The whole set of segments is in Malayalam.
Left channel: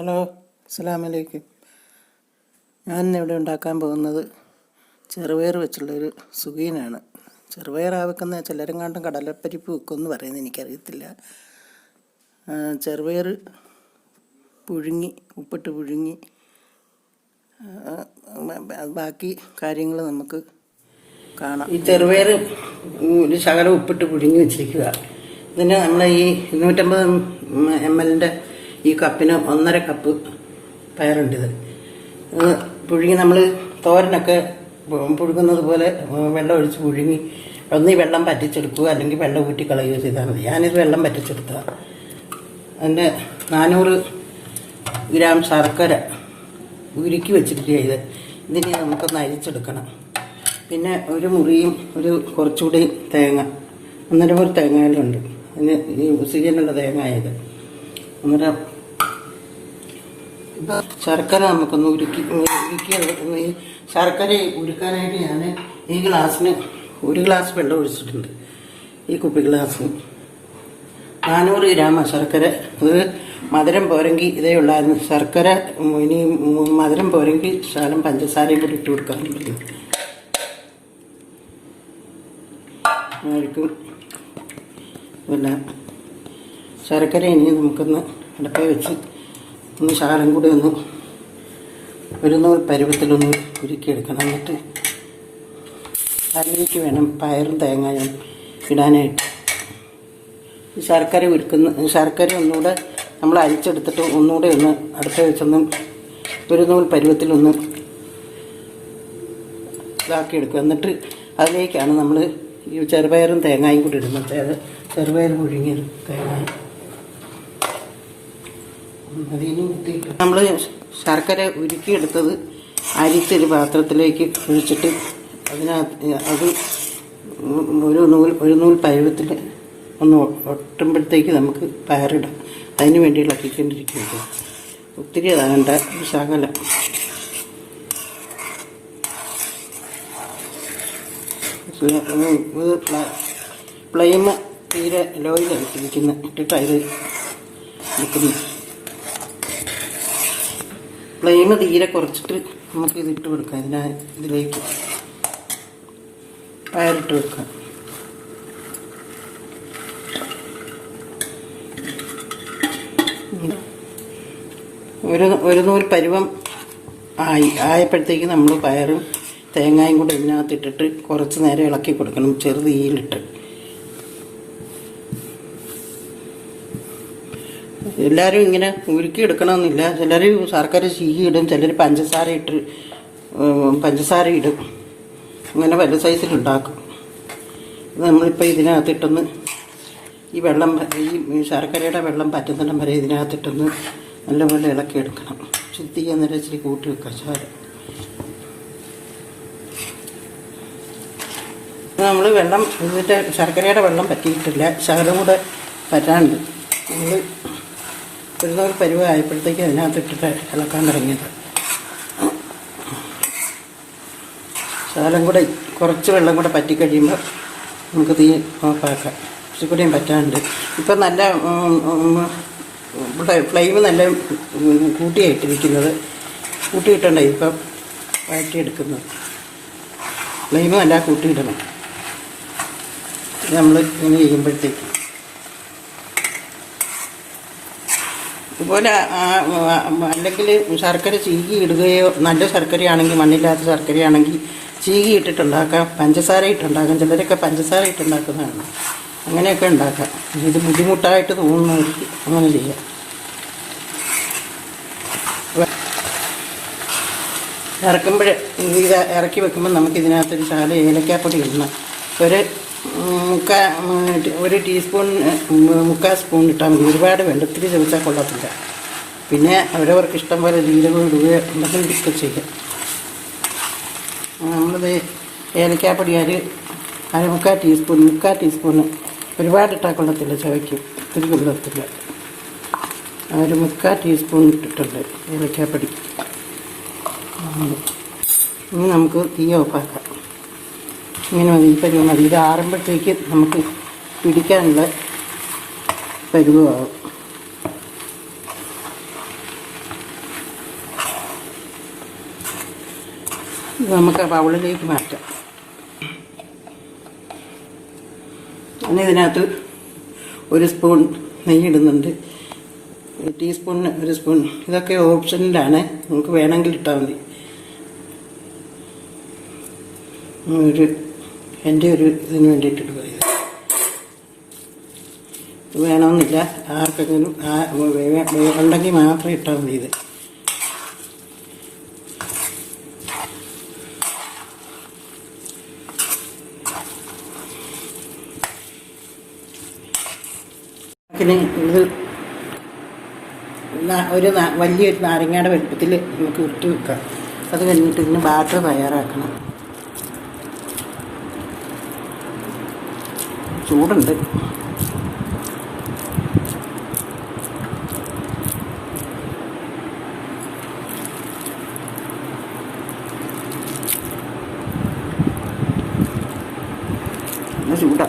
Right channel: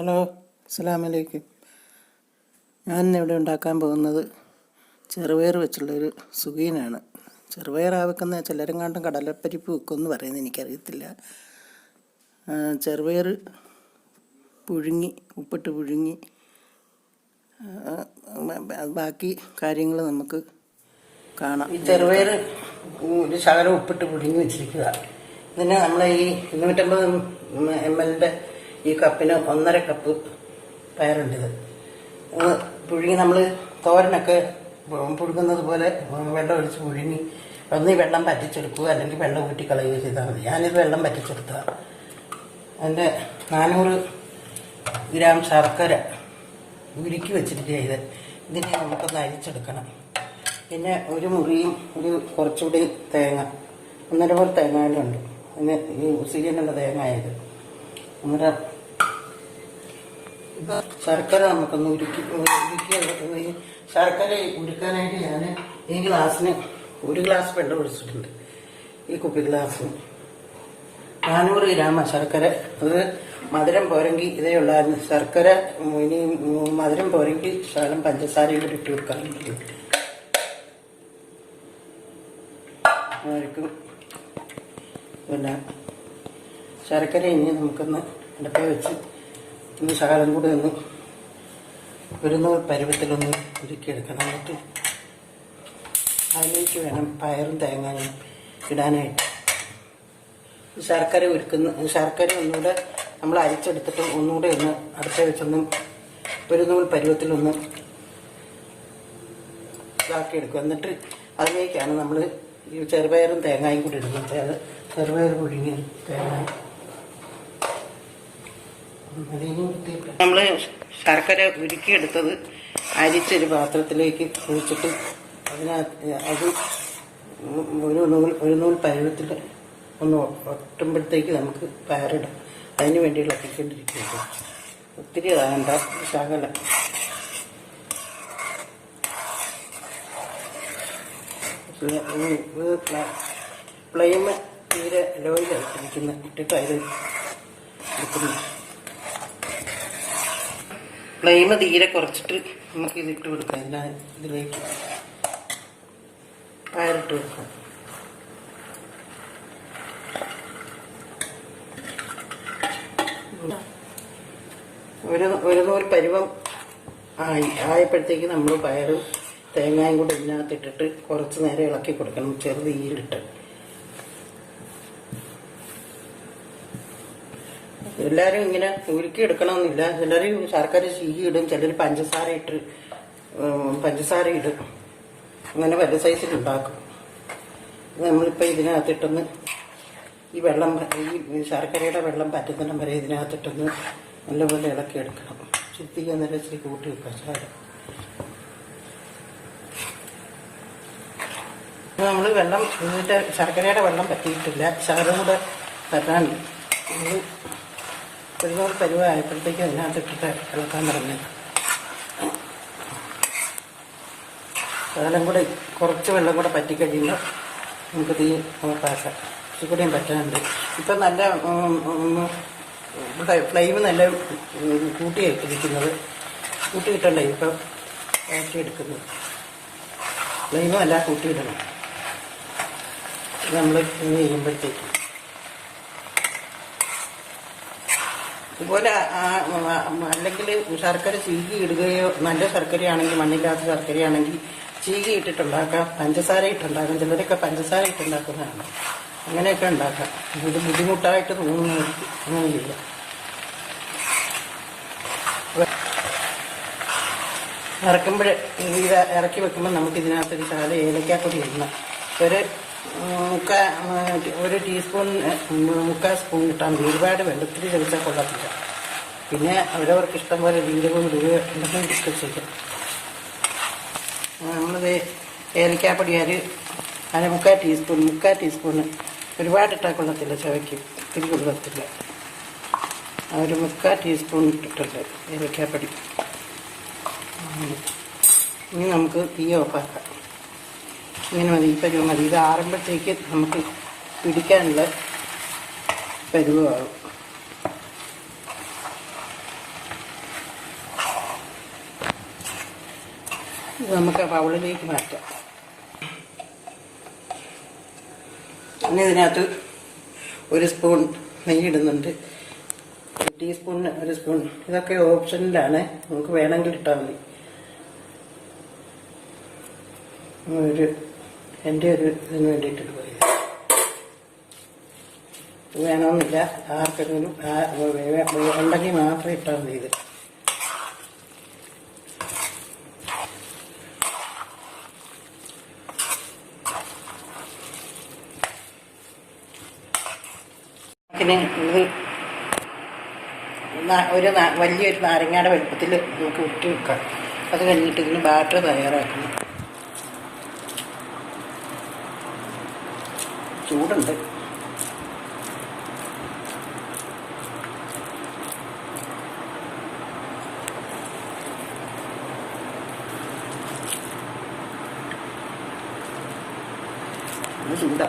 ഹലോ, അസ്സലാമലൈക്കും. ഞാനിന്നിവിടെ ഉണ്ടാക്കാൻ പോകുന്നത് ചെറുപയർ വെച്ചുള്ളൊരു സുഖീനാണ്. ചെറുപയറാ വെക്കുന്ന ചിലരെങ്ങാണ്ടും കടലപ്പരിപ്പ് വെക്കുമെന്ന് പറയുന്നത് എനിക്കറിയത്തില്ല. ചെറുപയർ പുഴുങ്ങി ഉപ്പിട്ട് പുഴുങ്ങി ബാക്കി കാര്യങ്ങൾ നമുക്ക് കാണാം. ഈ ചെറുപയർ ഒരു ശകലം ഉപ്പിട്ട് പുഴുങ്ങി വെച്ചിരിക്കുക. ഇതിന് നമ്മൾ ഈ 250 ml ഈ കപ്പിന് 1.5 കപ്പ് പയറുണ്ടിത്. പുഴുങ്ങി നമ്മൾ തോരനൊക്കെ പുഴുങ്ങുന്നത് പോലെ വെള്ളം ഒഴിച്ച് പുഴുങ്ങി ഒന്ന് ഈ വെള്ളം പറ്റിച്ചെടുക്കുക, അല്ലെങ്കിൽ വെള്ളം ഊറ്റി കളയുകയോ ചെയ്താൽ മതി. ഞാനിത് വെള്ളം പറ്റിച്ചെടുക്കുക. അതിൻ്റെ 400 ഗ്രാം ശർക്കര ഉരുക്കി വെച്ചിരിക്കുക. ഇതിനെ നമുക്കൊന്ന് അരിച്ചെടുക്കണം. പിന്നെ ഒരു മുറിയും കുറച്ചുകൂടി തേങ്ങ, 1.5 മുറി തേങ്ങയിലുണ്ട്. അതിന് ഈ സീസണുള്ള തേങ്ങയായത്. അന്നേരം ശർക്കര നമുക്കൊന്ന് ഉരുക്കി ഈ ശർക്കര ഉരുക്കാനായിട്ട് ഞാൻ ഈ ഗ്ലാസ്സിന് 1 ഗ്ലാസ് വെള്ളം ഒഴിച്ചിട്ടുണ്ട്. ഈ കുപ്പി ഗ്ലാസ്സിന് 400 ഗ്രാം ശർക്കര. ഇത് മധുരം പോരെങ്കിൽ ഇതേ ഉള്ളായിരുന്നു. ശർക്കര ഇനി മധുരം പോരെങ്കിൽ ശകലം പഞ്ചസാരയും കൂടി ഇട്ട് കൊടുക്കാറുണ്ട്. പിന്നെ ശർക്കര ഇനി നമുക്കൊന്ന് അടുപ്പേ വെച്ച് ഒന്ന് ശകലം കൂടി ഒന്ന് ഒരു നൂൽ പരുവത്തിലൊന്ന് ഉരുക്കിയെടുക്കണം. എന്നിട്ട് അതിലേക്ക് വേണം പയറും തേങ്ങയും ഇടാനായിട്ട്. ശർക്കര ഒന്നുകൂടെ നമ്മൾ അരിച്ചെടുത്തിട്ട് ഒന്നുകൂടെ ഒന്ന് അടുപ്പേ വെച്ചൊന്ന് ഒരു നൂൽ പരുവത്തിലൊന്ന് ഇതാക്കിയെടുക്കുക. എന്നിട്ട് അതിലേക്കാണ് നമ്മൾ ഈ ചെറുപയറും തേങ്ങയും കൂടി ഇടുന്നത്. ചെറുപയർ പുഴുങ്ങിയ തേങ്ങ നമ്മൾ ശർക്കര ഉരുക്കിയെടുത്തത് അരിച്ചൊരു പാത്രത്തിലേക്ക് ഒഴിച്ചിട്ട് അതിനകത്ത് അത് ഒരു നൂൽ പരുവത്തിൽ ഒന്ന് ഒട്ടുമ്പോഴത്തേക്ക് നമുക്ക് പയറിടാം. അതിന് വേണ്ടി ഇളക്കിക്കൊണ്ടിരിക്കുന്നത്. ഒത്തിരി അതാകണ്ട, ശകലം. ഫ്ലെയിം തീരെ ലോയിലിരിക്കുന്ന ഇട്ടിട്ട് അതിൽ നിൽക്കുന്നു. ഫ്ലെയിം തീരെ കുറച്ചിട്ട് നമുക്ക് ഇതിട്ട് കൊടുക്കാം. ഇതിലേക്ക് പയറിട്ട് കൊടുക്കാം. ഒരു നൂൽ പരുവം ആയപ്പോഴത്തേക്ക് നമ്മൾ പയറും തേങ്ങയും കൂടി ഇതിനകത്തിട്ടിട്ട് കുറച്ച് നേരം ഇളക്കി കൊടുക്കണം, ചെറുതീയിലിട്ട്. എല്ലാവരും ഇങ്ങനെ ഉരുക്കി എടുക്കണമെന്നില്ല. ചിലർ ശർക്കര ചീകി ഇടും, ചിലർ പഞ്ചസാര ഇടും. ഇങ്ങനെ പല സൈസിലുണ്ടാക്കും. നമ്മളിപ്പോൾ ഇതിനകത്തിട്ടൊന്ന് ഈ ശർക്കരയുടെ വെള്ളം പറ്റുന്നിടം വരെ ഇതിനകത്തിട്ടൊന്ന് നല്ലപോലെ ഇളക്കിയെടുക്കണം. തീ അന്നേരം ഇച്ചിരി കൂട്ടി വെക്കാം. ശകലം നമ്മൾ വെള്ളം ഇതിൻ്റെ ശർക്കരയുടെ വെള്ളം പറ്റിയിട്ടില്ല, ശകലം കൂടെ പറ്റാനുണ്ട്. നമ്മൾ ഒരു പരുവായപ്പോഴത്തേക്ക് അതിനകത്തിട്ടിട്ട് ഇളക്കാൻ തുടങ്ങിയത്. ശകലം കൂടെ കുറച്ച് വെള്ളം കൂടെ പറ്റിക്കഴിയുമ്പോൾ നമുക്ക് തീ ഓഫാക്കാം. കുറച്ചുകൂടിയും പറ്റാനുണ്ട്. ഇപ്പം നല്ല ഫ്ലെയിം നല്ല കൂട്ടിയിട്ടിരിക്കുന്നത്. കൂട്ടിയിട്ടുണ്ട് ഇപ്പം വഴറ്റിയെടുക്കുന്നത്. ഫ്ലെയിം നല്ല കൂട്ടിയിടണം നമ്മൾ ഇങ്ങനെ ചെയ്യുമ്പോഴത്തേക്ക്. ഇതുപോലെ അല്ലെങ്കിൽ ശർക്കര ചീകി ഇടുകയോ, നല്ല ശർക്കരയാണെങ്കിൽ, മണ്ണില്ലാത്ത ശർക്കരയാണെങ്കിൽ ചീകി ഇട്ടിട്ടുണ്ടാക്കാം, പഞ്ചസാര ഇട്ടുണ്ടാക്കാം. ചിലരൊക്കെ പഞ്ചസാര ഇട്ടുണ്ടാക്കുന്നതാണ്. അങ്ങനെയൊക്കെ ഉണ്ടാക്കാം. ഇത് ബുദ്ധിമുട്ടായിട്ട് തോന്നുന്നവർക്ക് അങ്ങനെ ചെയ്യാം. ഇത് ഇറക്കി വെക്കുമ്പോൾ നമുക്കിതിനകത്തൊരു ശകലം ഏലക്കാപ്പൊടി ഇടണം. ഒരു ടീസ്പൂൺ 3/4 സ്പൂൺ ഇട്ടാൽ മതി. ഒരുപാട് വേണ്ട, ഒത്തിരി ചെറുത്താൽ കൊള്ളത്തില്ല. പിന്നെ അവരവർക്ക് ഇഷ്ടം പോലെ ജീരകം ഇടുക എന്തെങ്കിലും ഇഷ്ടം ചെയ്യാം. നമ്മൾ ഏലക്കാപ്പൊടി 3/4 ടീസ്പൂണ് ഒരുപാട് ഇട്ടാൽ കൊള്ളത്തില്ല, ചവയ്ക്ക് ഒത്തിരി കൊള്ളത്തില്ല. ഒരു 3/4 ടീസ്പൂൺ ഇട്ടിട്ടുണ്ട് ഏലക്കാപ്പൊടി. ഇനി നമുക്ക് തീ ഓഫാക്കാം. ഇങ്ങനെ മതി. ഇപ്പം മതി. ഇത് ആറുമ്പോഴത്തേക്ക് നമുക്ക് പിടിക്കാനുള്ള പരുവമാകും. ഇത് നമുക്ക് ബൗളിലേക്ക് മാറ്റാം. പിന്നെ ഇതിനകത്ത് 1 സ്പൂൺ നെയ്യ് ഇടുന്നുണ്ട്, 1 ടീസ്പൂണിന് 1 സ്പൂൺ. ഇതൊക്കെ ഓപ്ഷനിലാണ്, നമുക്ക് വേണമെങ്കിൽ ഇട്ടാൽ മതി. എൻ്റെ ഒരു ഇതിന് വേണ്ടിയിട്ട് പോയത് ഇത് വേണമെന്നില്ല, ആർക്കെങ്കിലും ഉണ്ടെങ്കിൽ മാത്രമേ ഇട്ടാൽ മതി. ഇത് ഇത് ഒരു വലിയൊരു നാരങ്ങയുടെ വലുപ്പത്തിൽ നമുക്ക് ഉരുട്ടി വെക്കാം. അത് കഴിഞ്ഞിട്ട് ഇതിന് ബാറ്റർ തയ്യാറാക്കണം. ചൂടുണ്ട്. ചൂടാ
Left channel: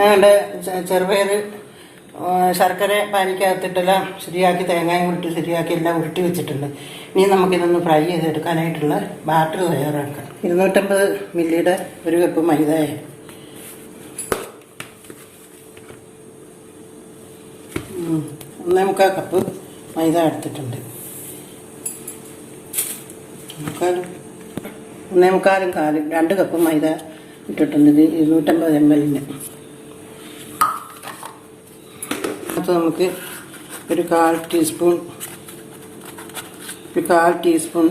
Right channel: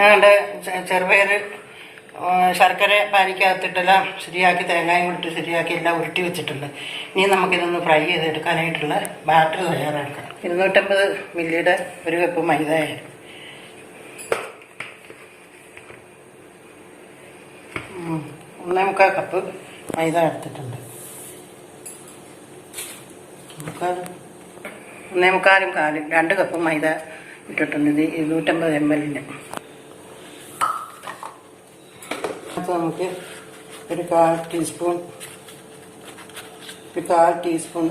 ഞങ്ങളുടെ ചെറുപയർ ശർക്കര പാനിക്കകത്തിട്ടെല്ലാം ശരിയാക്കി, തേങ്ങായും കൂടിയിട്ട് ശരിയാക്കി എല്ലാം ഉരുട്ടി വെച്ചിട്ടുണ്ട്. ഇനി നമുക്കിതൊന്ന് ഫ്രൈ ചെയ്തെടുക്കാനായിട്ടുള്ള ബാറ്റർ തയ്യാറാക്കാം. 250 മില്ലിയുടെ 1 കപ്പ് മൈദ, 1.25 കപ്പ് മൈദ എടുത്തിട്ടുണ്ട്. 1.25 2 കപ്പ് മൈദ ഇട്ടിട്ടുണ്ട്. ഇത് 250 ml. അത് നമുക്ക് ഒരു 1/4 ടീസ്പൂൺ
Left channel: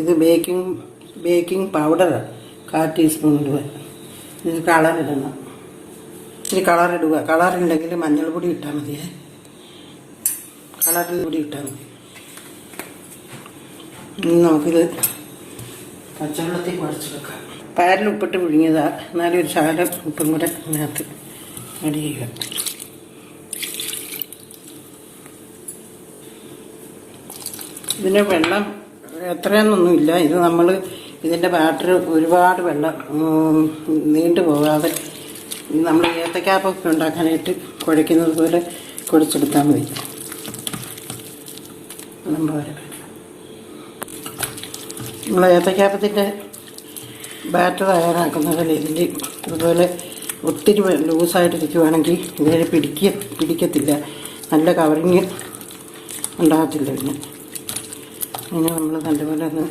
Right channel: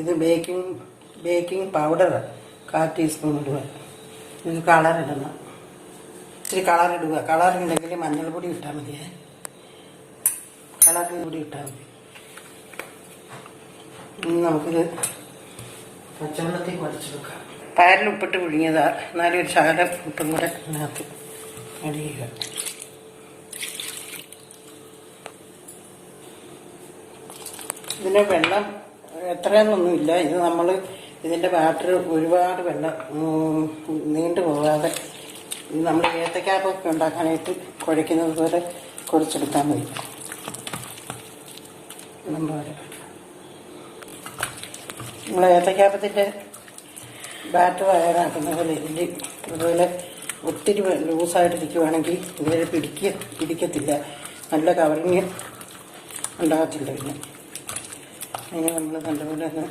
ഇത് ബേക്കിംഗ് പൗഡർ 1/4 ടീസ്പൂൺ ഇടുക. ഇത് കളർ ഇടണം. ഇത്തിരി കളർ ഇടുക. കളറുണ്ടെങ്കിൽ മഞ്ഞൾപ്പൊടി ഇട്ടാൽ മതിയേ, കളറിൽ പൊടി ഇട്ടാൽ മതി. ഇനി നമുക്കിത് പച്ചവെള്ളത്തിൽ കുഴച്ചെടുക്കാം. പയറിൽ ഉപ്പിട്ട് പുഴുങ്ങിയതാ, എന്നാലും ഒരു ശകലം ഉപ്പും കൂടെ അതിനകത്ത് ആഡ് ചെയ്യുക. ഇതിന് വെള്ളം എത്രയെന്നൊന്നുമില്ല. ഇത് നമ്മൾ ഇതിൻ്റെ ബാറ്റർ ഒരുപാട് വെള്ളം നീണ്ടു പോകാതെ നമ്മൾ ഏത്തക്കാപ്പൊക്കെ ഉണ്ടാക്കാനായിട്ട് കുഴയ്ക്കുന്നത് പോലെ കുഴച്ചെടുത്താൽ മതി. നമ്മൾ ഏത്തക്കാപ്പത്തിൻ്റെ ബാറ്റർ തയ്യാറാക്കുന്നതിൽ ഇതിൽ ഇതുപോലെ ഒത്തിരി ലൂസായിട്ടിരിക്കുവാണെങ്കിൽ ഇതിൽ പിടിക്കത്തില്ല, നല്ല കവറിങ് ഉണ്ടാകത്തില്ല. പിന്നെ നമ്മൾ നല്ലപോലെ ഒന്ന്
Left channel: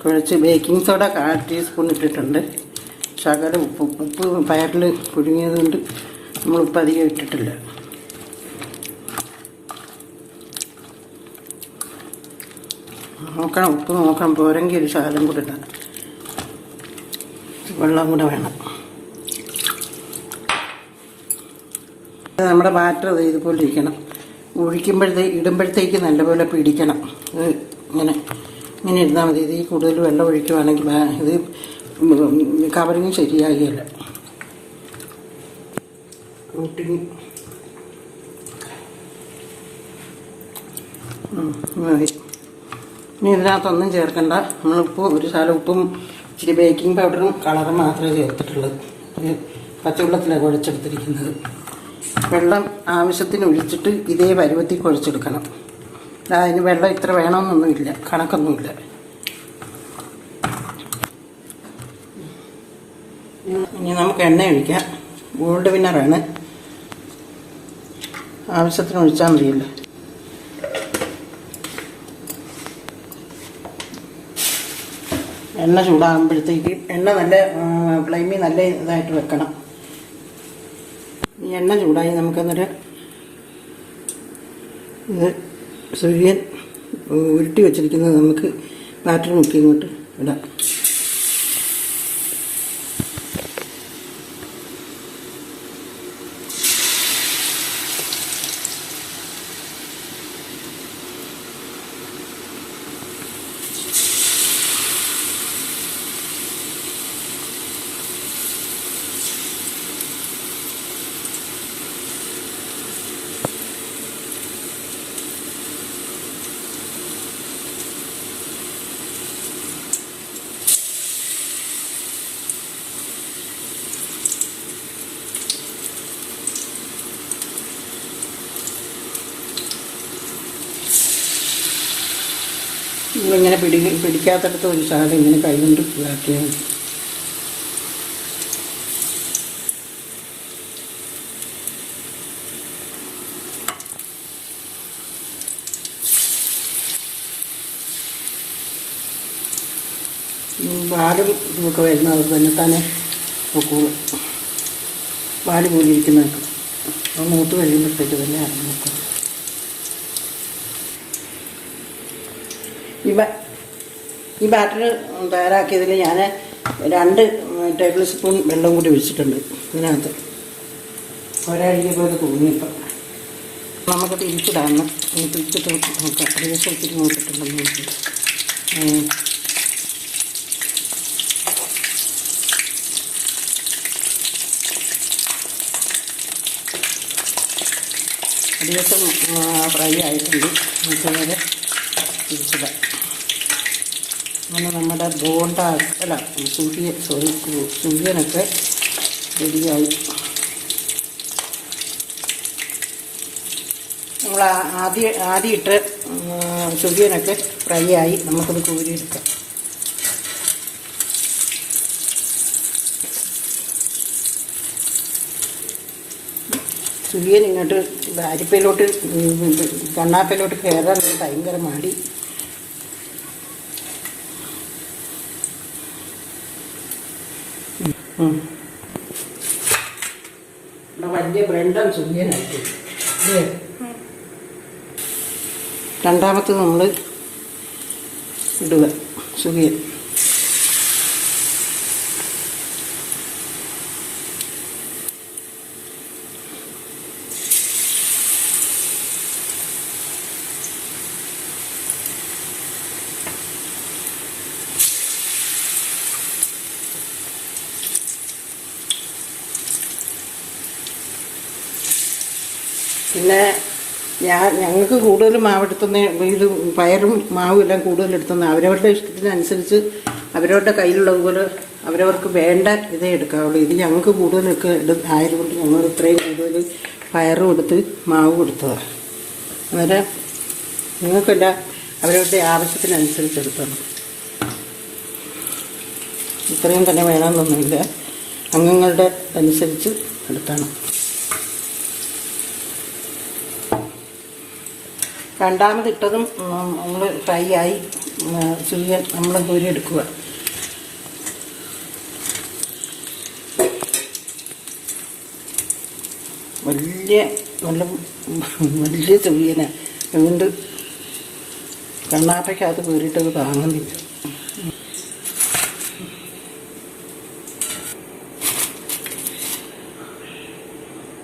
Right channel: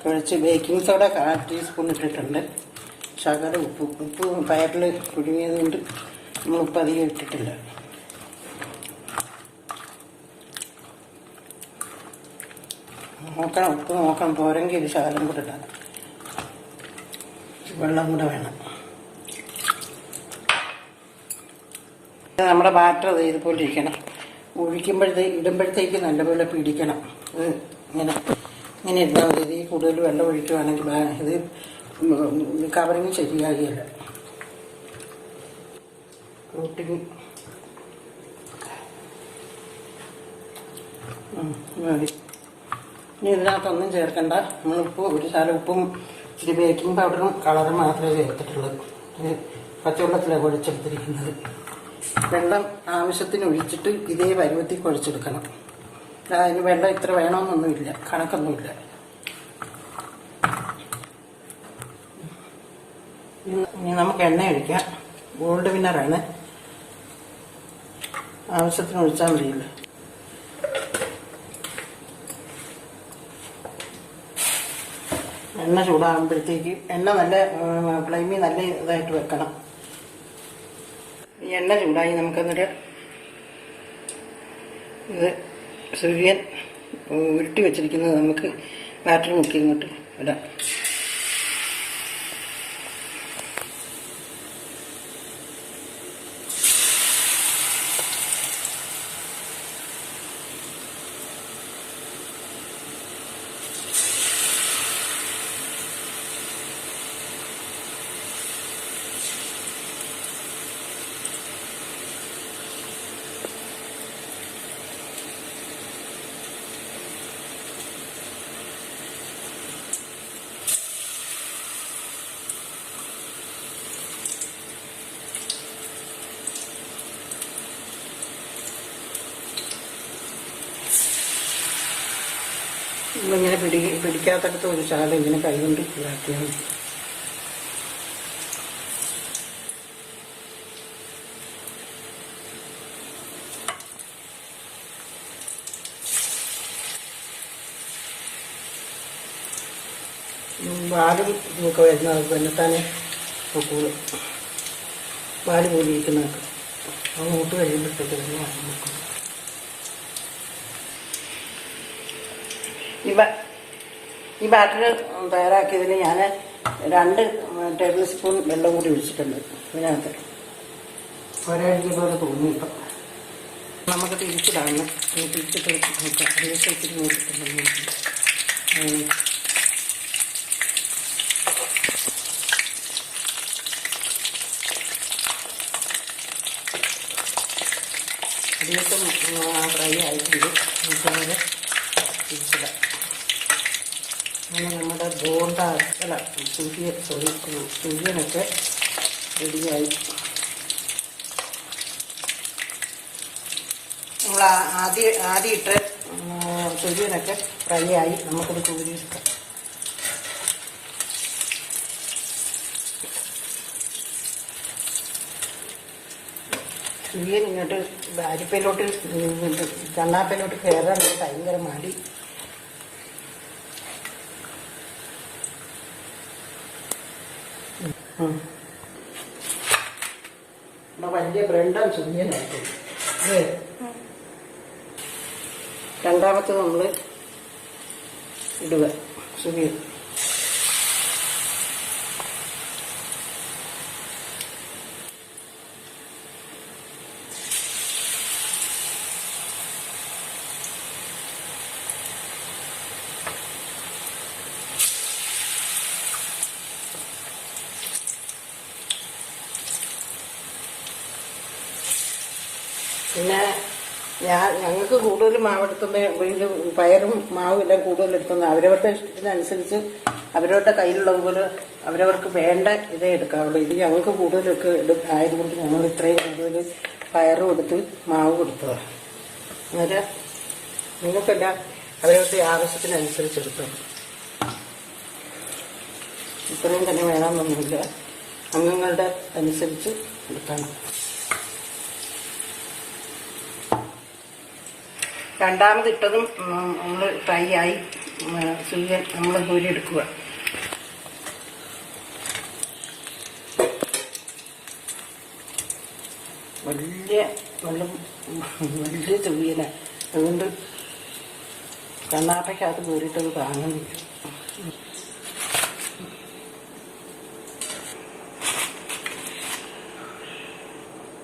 കുഴച്ച് ബേക്കിംഗ് സോഡ 1/4 ടീസ്പൂൺ ഇട്ടിട്ടുണ്ട്. ശകലം ഉപ്പ് പയറിൽ പുഴുങ്ങിയത് കൊണ്ട് നമ്മൾ ഉപ്പ് അധികം ഇട്ടിട്ടില്ല. നോക്കണം, ഉപ്പ് നോക്കണം, പോരെങ്കിൽ ഒരു ശകലം കൂടെ ഇടാം. വെള്ളം കൂടെ വേണം. നമ്മുടെ ബാറ്റർ ഇതുപോലെ ഇരിക്കണം. ഇടുമ്പോഴത്തേക്ക് നല്ലപോലെ പിടിക്കണം. ഇത് ഇങ്ങനെ ഇരുന്നാൽ മതി. ഇത് കൂടുതൽ വെള്ളം ഒഴിക്കുവാണെങ്കിൽ ഇത് കവറിങ് ശരിയാകില്ല. കൂട്ടിങ് മതി. ഇനി ഇതിനകത്തൊന്നും ചേർക്കണ്ട. നമ്മളിപ്പോൾ ഒരു ശകലം ഉപ്പും ഇച്ചിരി ബേക്കിംഗ് പൗഡറും കളറും മാത്രമേ ചേർത്തിട്ടുള്ളത്. പച്ചവെള്ളത്തിലാണ് കുഴച്ചെടുത്തിരിക്കുന്നത്. വെള്ളം ആവശ്യത്തിന് ഒഴിച്ചിട്ട് ഇതേ പരുവത്തിൽ കുഴച്ചെടുക്കണം. അതിന് വെള്ളം ഇത്ര വേണമെന്നൊന്നുമില്ല, കണക്കൊന്നുമില്ല. ഇനി നമുക്ക് എണ്ണ ഒഴിക്കാം. ഗോൾഡ് വിന്നറാണ്, ആവശ്യത്തിന് ഒഴിച്ചാൽ മതിയല്ലോ. എണ്ണ ചൂടാകുമ്പോഴത്തേക്ക് എണ്ണ നല്ല ഫ്ലെയിമിൽ നല്ല ഇതായിട്ട് വെക്കണം. ഈ എണ്ണ ചൂടായി നമുക്കന്നൊരു ഇത് സുഖിയൻ ഉരുട്ടി വെച്ചിരിക്കുന്നത് നമുക്ക് ബാറ്ററി മുക്കി ഇങ്ങോട്ട് ഇടാം. ഇങ്ങനെ പിടിക്കാത്തടത്ത് ഒരു ശകലം ഇങ്ങനെ കൈകൊണ്ട് ഇതാക്കിയാൽ മതി. വാലും ഇതൊക്കെ വരുന്ന അത് തന്നെ തന്നെ പൊക്കോളും. വാല് പോലെ ഇരിക്കുന്നതൊക്കെ അത് മൂത്ത് കഴിയുമ്പോഴത്തേക്ക് തന്നെ നോക്കും. ഈ ബാറ്റർ തയ്യാറാക്കിയതിന് ഞാൻ 2 ടേബിൾ സ്പൂൺ വെള്ളം കൂടി ഒഴിച്ചിട്ടുണ്ട് ഇതിനകത്ത്. ഒരഴിയെ പോലെ തോന്നിയപ്പം നമുക്ക് തിരിച്ചിടാണ്. തിരിച്ചിട്ട് നോക്കാം. അതിനനുസരിച്ച് നോക്കിയിട്ടുണ്ടെങ്കിൽ ദിവസം ഫ്രൈ ആയിട്ടുണ്ട്. നമുക്കത് തിരിച്ചിടാം. അങ്ങനെ നമ്മുടെ ബോണ്ട അല്ല സൂര്യനൊക്കെ റെഡിയായി. നമ്മൾ ആദ്യം ഇട്ട് സൂര്യനൊക്കെ ഫ്രൈ ആയി. നമുക്കത് കോരിയെടുക്കാം. സുഖിയൻ ഇങ്ങോട്ട് അരിപ്പയിലോട്ട് കണ്ണാപ്പയിലോട്ട് കയറാൻ ഭയങ്കര മടി. വലിയ ബ്രെഡും സുഖിയനായിട്ട് രണ്ടാമത്തെ നമ്മൾ ഇടുക സുഖിയൻ. പിന്നെ ഞങ്ങൾക്ക് കൂടുതൽ മാവെടുത്തുന്ന ഇത് പയറും മാവും എല്ലാം കൂടുതലെടുത്തുന്ന അവരവരുടെ ഇഷ്ടത്തിനനുസരിച്ച് അവരവരുടെ കയ്യിലുള്ളതുപോലെ അവരവർക്ക് വേണ്ട ഇതേ എടുക്കാവുള്ളൂ. ഇത് ഞങ്ങൾക്ക് കൂടുതലൊക്കെ ആയതുകൊണ്ട് ഞങ്ങൾ ഇത്രയും കൂടുതൽ പയറും എടുത്ത് മാവും എടുത്തതാണ്. അന്നേരം നിങ്ങൾക്കെല്ലാം അവരവരുടെ ആവശ്യത്തിനനുസരിച്ച് എടുക്കണം. ഇത്രയും തന്നെ വേണമെന്നൊന്നുമില്ല, അംഗങ്ങളുടെ അനുസരിച്ച് എടുക്കണം. രണ്ടാമതിട്ടതും നമ്മൾ ഫ്രൈ ആയി. സുഖിയൻ നമ്മൾ കോരി എടുക്കുക. വലിയ സുഖിയനാണ്. അതുകൊണ്ട് കണ്ണാപ്പയ്ക്കകത്ത് കോരിയിട്ടത് താങ്ങുന്നില്ല.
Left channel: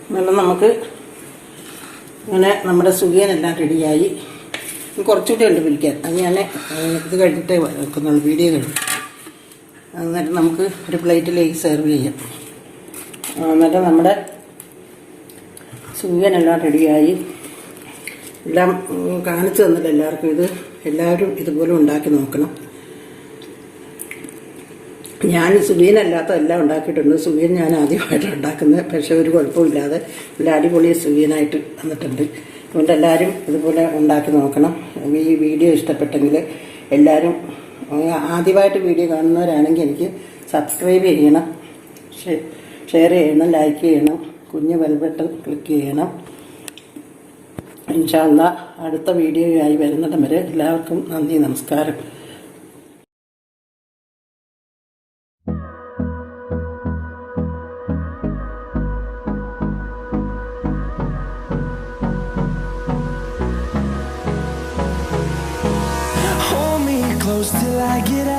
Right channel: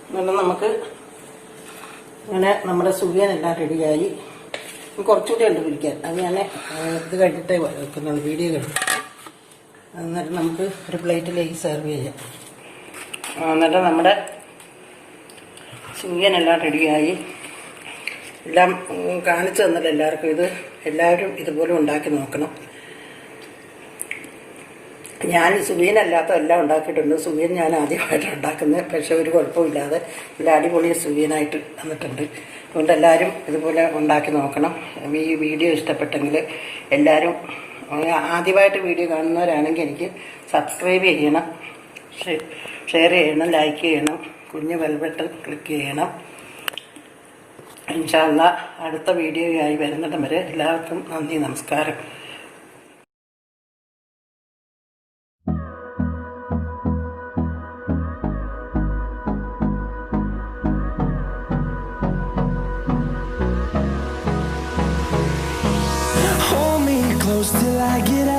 അങ്ങനെ നമുക്ക് അങ്ങനെ നമ്മുടെ സുഖിയനെല്ലാം റെഡിയായി. കുറച്ചുകൂടി ഉണ്ട് പിരിക്കാൻ. അത് ഞാൻ ഇത് കഴിഞ്ഞിട്ടേ വെക്കുന്നുള്ളൂ, വീഡിയോ കഴിഞ്ഞു. എന്നിട്ട് നമുക്ക് ഒരു പ്ലേറ്റിലേക്ക് സെർവ് ചെയ്യാം. എന്നിട്ട് നമ്മുടെ സുഖിയനെല്ലാം റെഡിയായി. എല്ലാം കാണിച്ചു തന്നില്ല എല്ലാവർക്കും. ഇത് എല്ലാവരും ഇതുപോലെ ഉണ്ടാക്കി നോക്കണം. ഞാൻ സുഖിയനല്ലാത്ത എല്ലാം ഉണ്ടാക്കിയിട്ടുണ്ട്. സുഖിയൻ ഞാൻ ആദ്യമായിട്ട് ഉണ്ടാക്കുന്നത്, പക്ഷേ ഒരു കുഴപ്പമില്ലാതെ നല്ല അടിപൊളി സുഖിയനായിട്ട് വന്നിട്ടുണ്ട്. അതുകൊണ്ട് എല്ലാവരും ഇതുപോലെ ഉണ്ടാക്കി നോക്കണം. ഈ വീഡിയോ ഇഷ്ടപ്പെട്ടെങ്കിൽ എല്ലാവരും ആദ്യമായിട്ട് വീഡിയോ കാണുന്നവരാണെങ്കിൽ എനിക്ക് സബ്സ്ക്രൈബ് ചെയ്യണം, ഷെയർ ചെയ്യണം, ലൈക്ക് ചെയ്യണം, കുഞ്ഞ് ബെൽ ബട്ടൺ ക്ലിക്ക് ചെയ്യണം. ഇൻഷാ അല്ലാഹ് അടുത്ത വീഡിയോയായി വരുന്നിടം വരെ എല്ലാവർക്കും നന്ദി, നമസ്കാരം. Hold me close till I get out.